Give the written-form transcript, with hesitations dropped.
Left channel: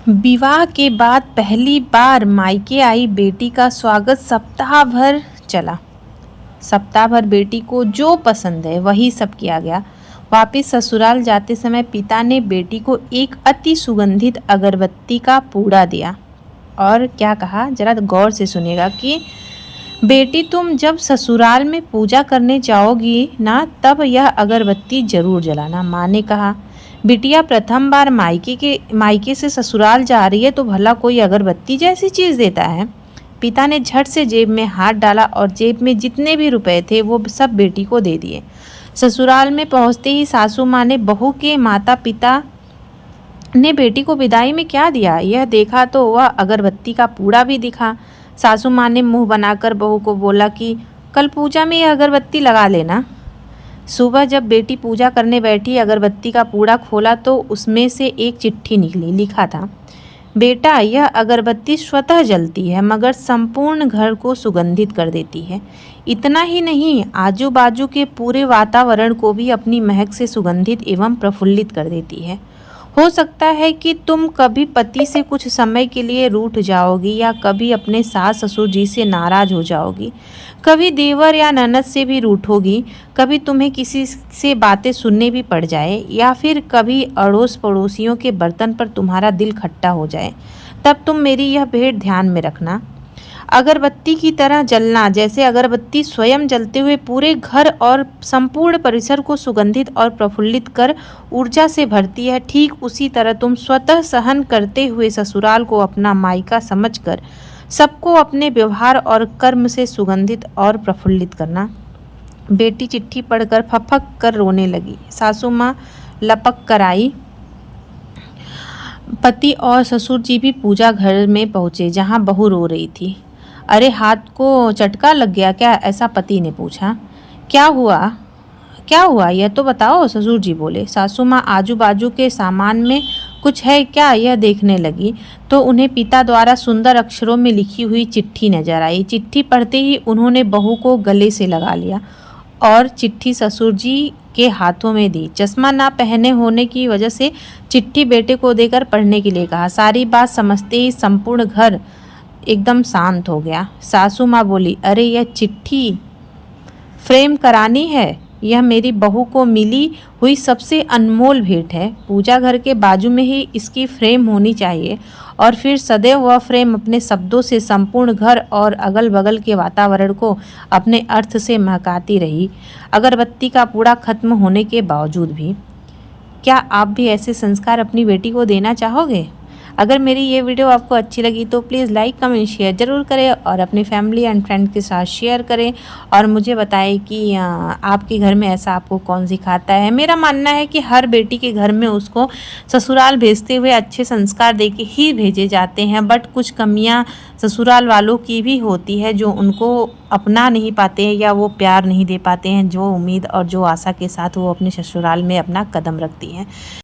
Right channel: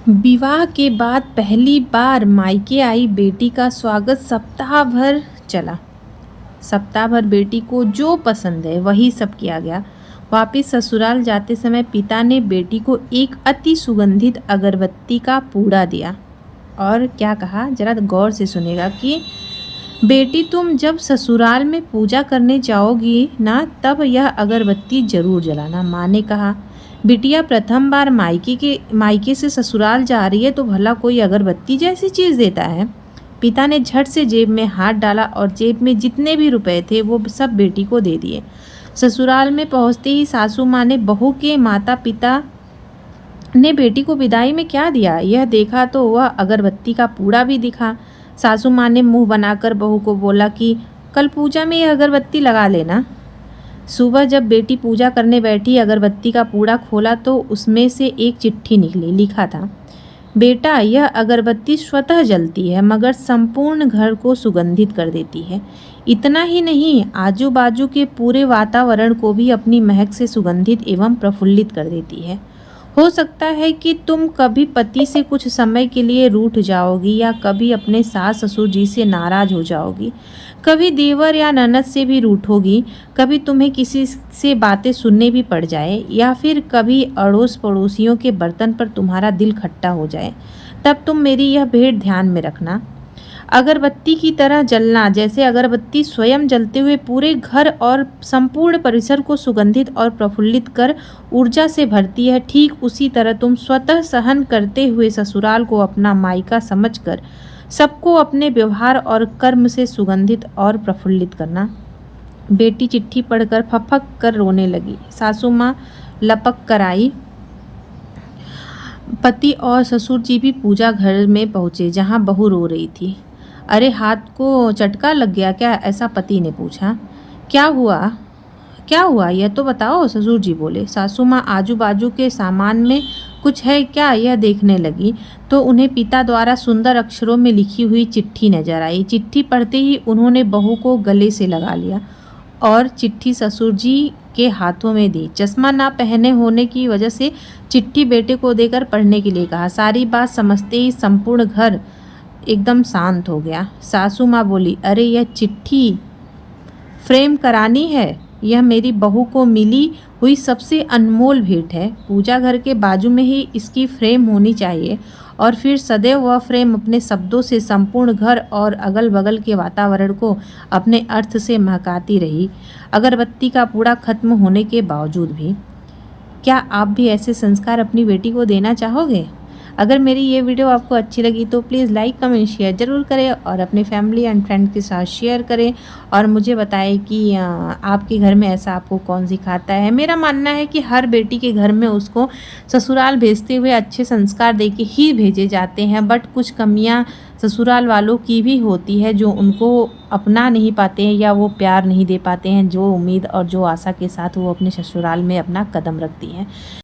विवाह के बाद पहली बार मायके आई बेटी का स्वागत सप्ताह भर चला। सप्ताह भर बेटी को जो पसंद है वही सब किया गया। वापिस ससुराल जाते समय पिता ने बेटी को एक अति सुगंधित अगरबत्ती का पूड़ा दिया और क्या कहा, जरा गौर से सुनिएगा कि बेटी तुम जब ससुराल में पूजा करने जाओगी ना, तब यह अगरबत्ती जरूर जलाना। माँ ने कहा, बिटिया प्रथम बार मायके से ससुराल जा रही है तो भला कोई अगरबत्ती जैसी चीज़ देता है। पिता ने झट से जेब में हाथ डाला और जेब में जितने भी रुपए थे वो सब बेटी को दे दिए। ससुराल में पहुंचते ही सासू माँ ने बहू के माता पिता ने बेटी को विदाई में क्या दिया यह देखा तो वह अगरबत्ती का पूड़ा भी दिखा। सासू माँ ने मुंह बनाकर बहू को बोला कि कल पूजा में यह अगरबत्ती लगा लेना। सुबह जब बेटी पूजा करने बैठी, अगरबत्ती का पूड़ा खोला तो उसमें से एक चिट्ठी निकली। लिखा था, बेटा यह अगरबत्ती स्वतः जलती है मगर संपूर्ण घर को सुगंधित कर देती है। इतना ही नहीं, आजू बाजू के पूरे वातावरण को भी अपनी महक से सुगंधित एवं प्रफुल्लित कर देती है। हो सकता है कि तुम कभी पति से कुछ समय के लिए रूठ जाओगी या कभी अपने सास ससुर जी से नाराज हो जाओगी, कभी देवर या ननद से भी रूठोगी, कभी तुम्हें किसी से बातें सुनने भी पड़ जाए या फिर कभी अड़ोस पड़ोसियों के बर्तन पर तुम्हारा दिल खट्टा हो जाए। तब तुम मेरी यह भेंट ध्यान में रखना। अगरबत्ती की तरह जलना, जैसे अगरबत्ती स्वयं जलते हुए पूरे घर और संपूर्ण परिसर को सुगंधित और प्रफुल्लित कर ऊर्जा से भरती है, ठीक उसी तरह तुम स्वतः सहन करते हुए ससुराल को अपना मायका समझकर सबको अपने व्यवहार और कर्म से सुगंधित और प्रफुल्लित करना। बेटी चिट्ठी पढ़कर फपक कर रोने लगी। सासू माँ लपक कर आई। पति और ससुर जी भी पूजा घर में पहुंचे जहां बहू रो रही थी। अरे हाथ को चटका लग गया क्या, ऐसा पति ने पूछा। क्या हुआ क्या हुआ यह तो बताओ, ससुर जी बोले। सासू माँ आजू बाजू के सामान में कुछ है क्या यह देखने लगी तो उन्हें पिता द्वारा सुंदर अक्षरों में लिखी हुई चिट्ठी नजर आई। चिट्ठी पढ़ते ही उन्होंने बहू को गले से लगा लिया और चिट्ठी ससुर जी के हाथों में दी। चश्मा ना पहने होने की वजह से चिट्ठी बेटे को देकर पढ़ने के लिए कहा। सारी बात समझते ही संपूर्ण घर एकदम शांत हो गया। सासू माँ बोली, अरे यह चिट्ठी फ्रेम करानी है, यह मेरी बहू को मिली हुई सबसे अनमोल भेंट है। पूजा घर के बाजू में ही इसकी फ्रेम होनी चाहिए और फिर सदैव वह फ्रेम अपने शब्दों से संपूर्ण घर और अगल बगल के वातावरण को अपने अर्थ से महकाती रही, अगरबत्ती का पूरा खत्म होने के बावजूद भी। क्या आप भी ऐसे संस्कार अपनी बेटी को देना चाहोगे? अगर मेरी ये वीडियो आपको अच्छी लगी तो प्लीज़ लाइक कमेंट शेयर ज़रूर करें और अपने फैमिली एंड फ्रेंड के साथ शेयर करें और मुझे बताएं कि आपके घर में ऐसा आपको कौन सिखाता है। मेरा मानना है कि हर बेटी के घर में उसको ससुराल भेजते हुए अच्छे संस्कार दे के ही भेजे जाते हैं, बट कुछ कमियां ससुराल वालों की भी होती है जो उनको अपना नहीं पाते हैं या वो प्यार नहीं दे पाते हैं जो उम्मीद और जो आशा के साथ वो अपने ससुराल में अपना कदम रखती हैं।